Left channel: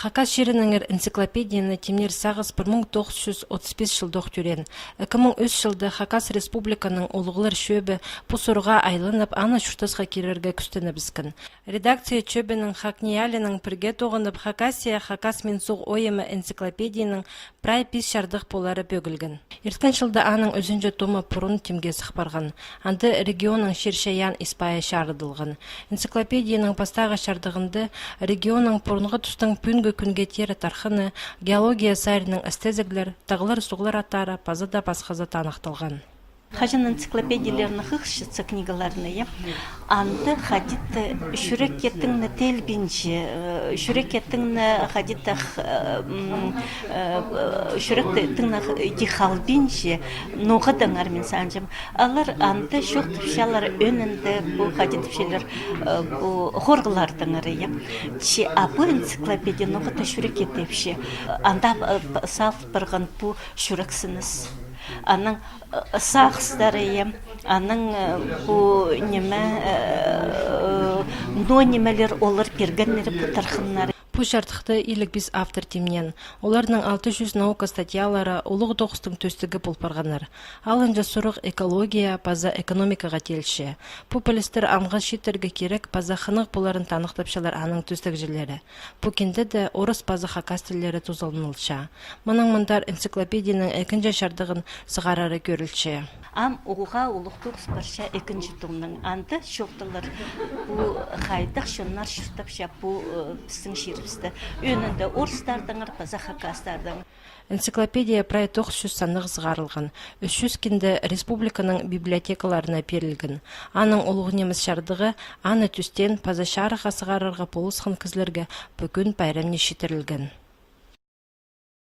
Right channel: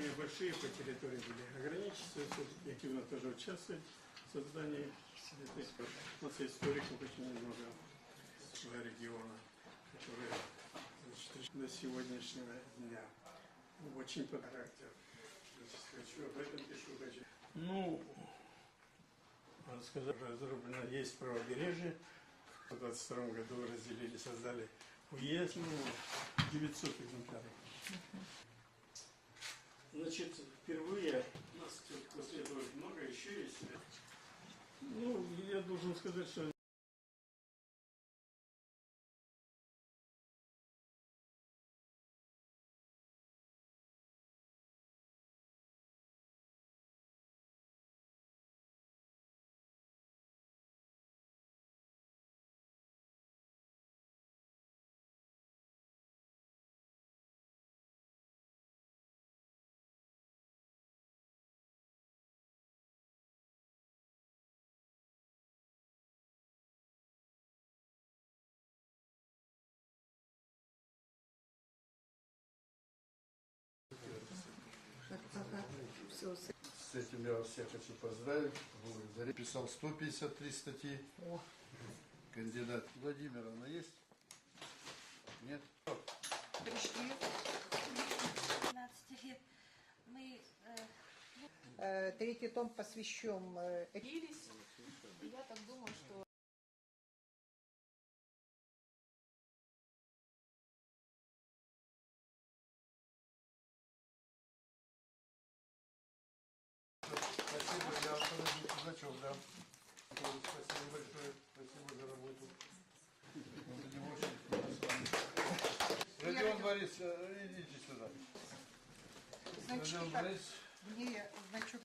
Хакас шерінің энциклопедияны темнер сағыз 1935 жылдық түрен. 2003 жылды Хакас республиканың олығылар шөбі пұсырға айланып, аны шүртасқа керерге күстіні бізкін. Редакция чөбінің Хакниялінің пірге тоғынып, Хакасия Хакас Менсуғ ойымы энциклопедияның прай пис шардық болары бөгілгін. Ерткен жылда аның өзінжі томы пұрын темге сықпарған. Анды регионың шершаян испая шарыдылған. Энциклопедияның пастағы шардығынды регионың пұрынғы тұстың пүнгі күнге тері тархыны, геология сайрының әстезіглер, тағылар суғылар аттары пазыда пасқазы танықтылған. Хажын энциклопедияларны хықшыцы книгаларны, анды хадитты шүрекеттіңні телбинчі, шүрекеттіңні хадитты шүректіңні дихалбинчі, ноғыдың армен санжым. Алар анды шоқтыпшалар өнінді бұл хадитпшелер хорғылардың арыя. Абы энциклопедия ноғыды шүрекеттепші, анда салт бірғын бұл шүрексініз. Аның сақстары, аның бұл немелер олар бергенлері бұл тархынлары. Бұл жартықты илік біз автор темнен. Оларының 600 наука статьялары олығы тоғыстың төстігі болпарғанар. Алынжа сұрық экология, паза экономикаға телші. Популистер амға шеттерге керек паза қынық боларын танықтапшалар аның төстік жерлері. Бұл кенде де орыс паза хакас тілері тузалынылша. Мұның мұндар энциклопедияның әкінжі шардығын сығарары көрілші. Ам оға олықтық спарша екінші томның анды шоқтылар бұл қайдық шынлар шүртапша бұл біздің шеріпсті. Өнінде орыстардыңыр, паза хакастардың. Энциклопедия прай 900 санығы сығарылған. 300 кенді республиканың библиотекаларына берілген. Аның олығынеміз шардығы аны түстен паза шарыға сығарырға полысқан кізлерге бүгін байрамне шетірілген.